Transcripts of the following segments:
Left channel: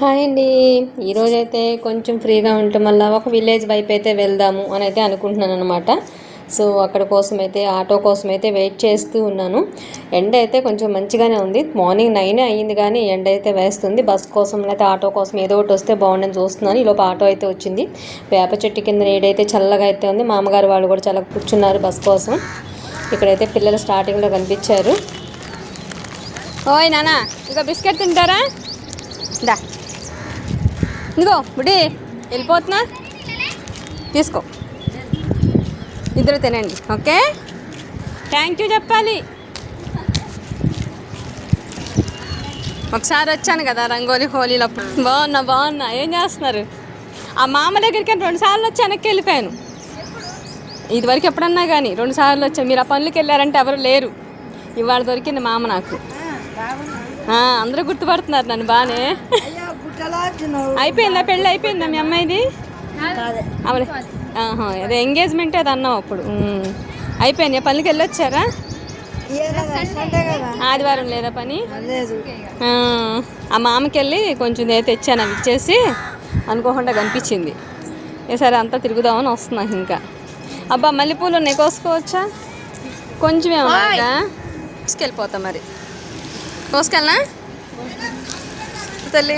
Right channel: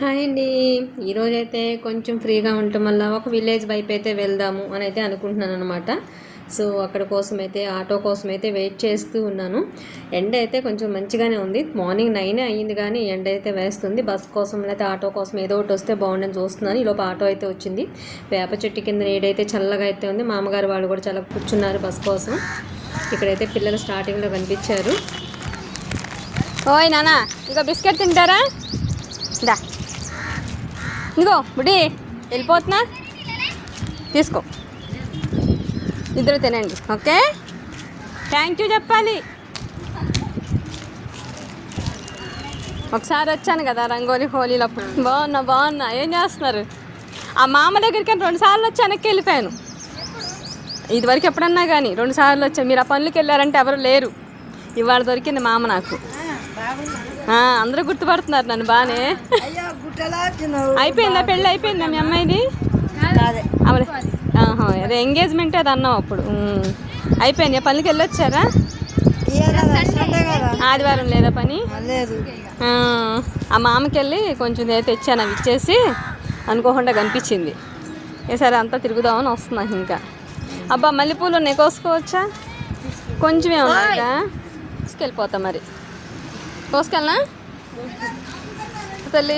Hi అండి. ఈరోజైతే కొంచెం ఫ్రీగా ఉండటం వల్ల ఒక విలేజ్ వైపు అయితే వెళ్దాము అని అయితే అనుకుంటున్నాను అనమాట. సో అక్కడ కోసం అయితే ఆటో కోసం అయితే వెయిట్ చేస్తూ ఉన్నాను. ఎండ అయితే కొంచెం మంచిగానే ఉంది. మార్నింగ్ 9 అయ్యింది కానీ ఎండ అయితే వేస్తుంది. బస్ కోసం లేకపోతే ఆటో కోసం ఏదో ఒకటి వస్తే బాగుండని చూస్తున్నాను. ఈలోపు ఆటో అయితే వచ్చింది. వేప చెట్టు కింద నీడైతే చల్లగా అయితే ఉంది. మామగారు వాళ్ళు కూడా చాలా కూర్చున్నారు బస్ కోసం. ఇక్కడైతే పిల్లలు స్టార్టింగ్లో కనిపించారు. ఓయ్ నానా, ఇంకా బిస్కెట్ తింటారా? దా ఇదిగో బుడి, వెళ్ళిపోతున్నా, తీసుకో, ఇద్దరు తినండి. ఓకే, థ్యాంక్ యూ చెప్పాలి. ఒకసారి వచ్చాను కదా రంగోలీ హోలీలప్పుడు. బాగున్నా. ఏం చేస్తున్నారు? ఆ మామ దగ్గరికి 2 సార్లు వచ్చి వెనక్కి వెళ్ళిపోయాను. ఇదివరకు ఎప్పుడన్నా కానీ 2 సార్లు వచ్చాను. మీరు ఆ పనులకి వెళ్ళారంటే ఎవరు లేరు. ఇవాళ దొరికింది మామ నాకు. అందరూ గుర్తుపడుతున్నారు నన్ను బాగానే. అయిపోయిందా పెళ్ళి? అయిపోయిందా మీ అమ్మాయిది? అదే ఎంగేజ్మెంట్ అది అన్నావు అప్పుడు. అయిపోయింది. పనులకి వెళ్ళొచ్చారా? ఆదివారం లేదా పని? ఆ మామకి వెళ్ళి కొంచెం తెచ్చాను. అవి ఇచ్చేసి అనుకోకుండా కనిపించింది. సరే అంతా తిరుగుదామని వస్తున్నాను. ఇంకా అబ్బా మల్లెపూలు ఉన్నాయి, కోసుకోవచ్చా? కొంచెమే ఉన్నాయా? తీసుకెళ్ళిపోతా మరి. కోసుకెళ్ళనా తల్లి?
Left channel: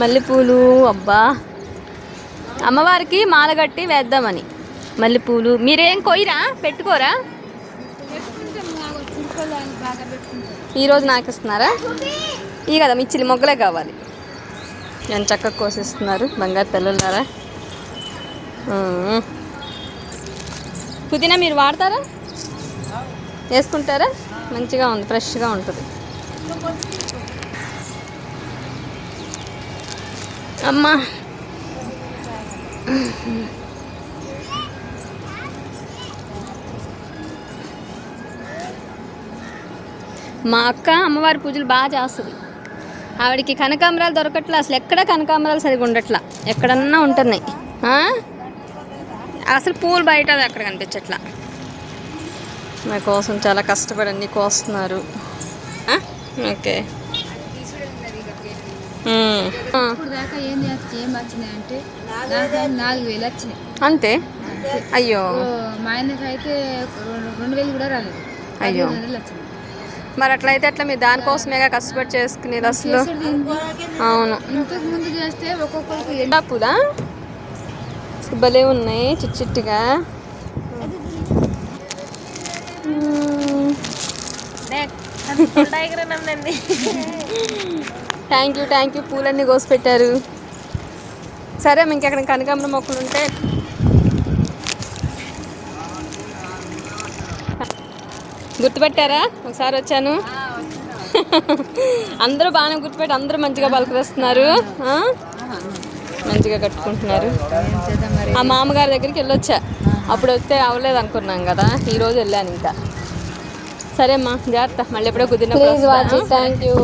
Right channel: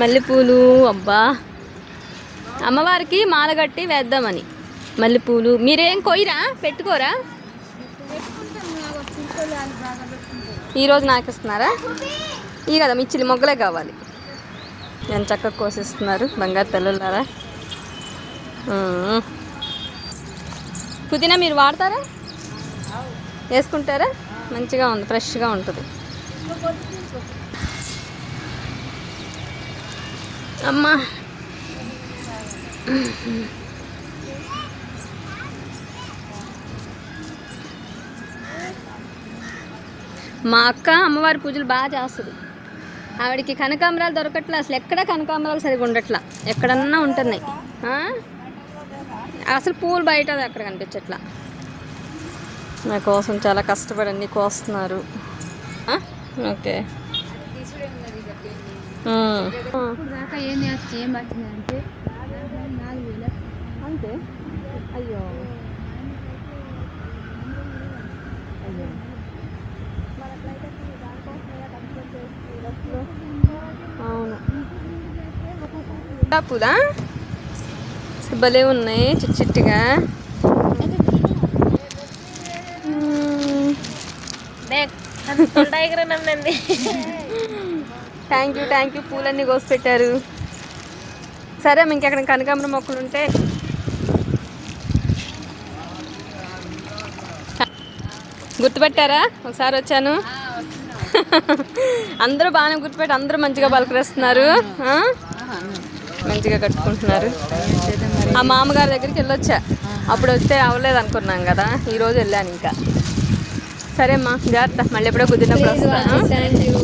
మల్లెపూలు అబ్బా, అమ్మవారికి మాల కట్టి వేద్దామని మల్లెపూలు. మీరేం కొయ్యరా? పెట్టుకోరా? ఈరోజు నాకు ఇస్తున్నారా? ఈ కదా మిచ్చిలి మొగ్గలే కావాలి. నేను చక్కగా కోసిస్తున్నారు బంగారు పిల్లలారా. పుదీనా మీరు వాడతారా? వేసుకుంటారా? మంచిగా ఉంది, ఫ్రెష్గా ఉంటుంది. అమ్మా మా అక్క అమ్మవారి పూజలు బాగా చేస్తుంది. ఆవిడకి కనకాంబరాలు దొరకట్లా, అసలు ఎక్కడ కనకాంబరాలు సరిగా ఉండట్లా. ఎక్కడన్నా ఉంటున్నాయి, అసలు పూలు బయట అక్కడ కనిపించట్లా. నా కోసం చాలా కష్టపడండి కోస్తున్నారు. ఓకే, అంతే. అయ్యో, మా ఆయనకైతే 2000 కూడా రాలేదు. అయ్యో, మరి అట్లయితే ఎట్లా? మీరు దానికోసమేగా కష్టపడి చేసుకునేది అసలు. అవును, ఇంతకు ముందు చేస్తే ఒక్కొక్కరికి ఎండాపుదా భలే ఉన్నాయి చిట్టిగా. థ్యాంక్ యూ పూలన్నీ కోసి పెట్టారు. సరే, ఇంకెక్కడ కనకాంబరం మొక్కలు ఉంటే గుర్తుపెట్టారా? ఒకసారి వచ్చాను. అందరూ బాగానే గుర్తుపెట్టి అందరూ మంచిగా పలకరిస్తున్నారు, మంచిగా కట్టుకుంటున్నారు. ఆ మామగారి దగ్గరికి వెళ్ళొచ్చా. అప్పుడు వస్తే అవ్వలేదు అనుకున్నాం కదా, ఈరోజు వెళ్ళాను. ఇంకా సరే అమ్మా, జాగ్రత్త. మళ్ళీ ఎప్పుడో కుదిరినప్పుడు. Thank you.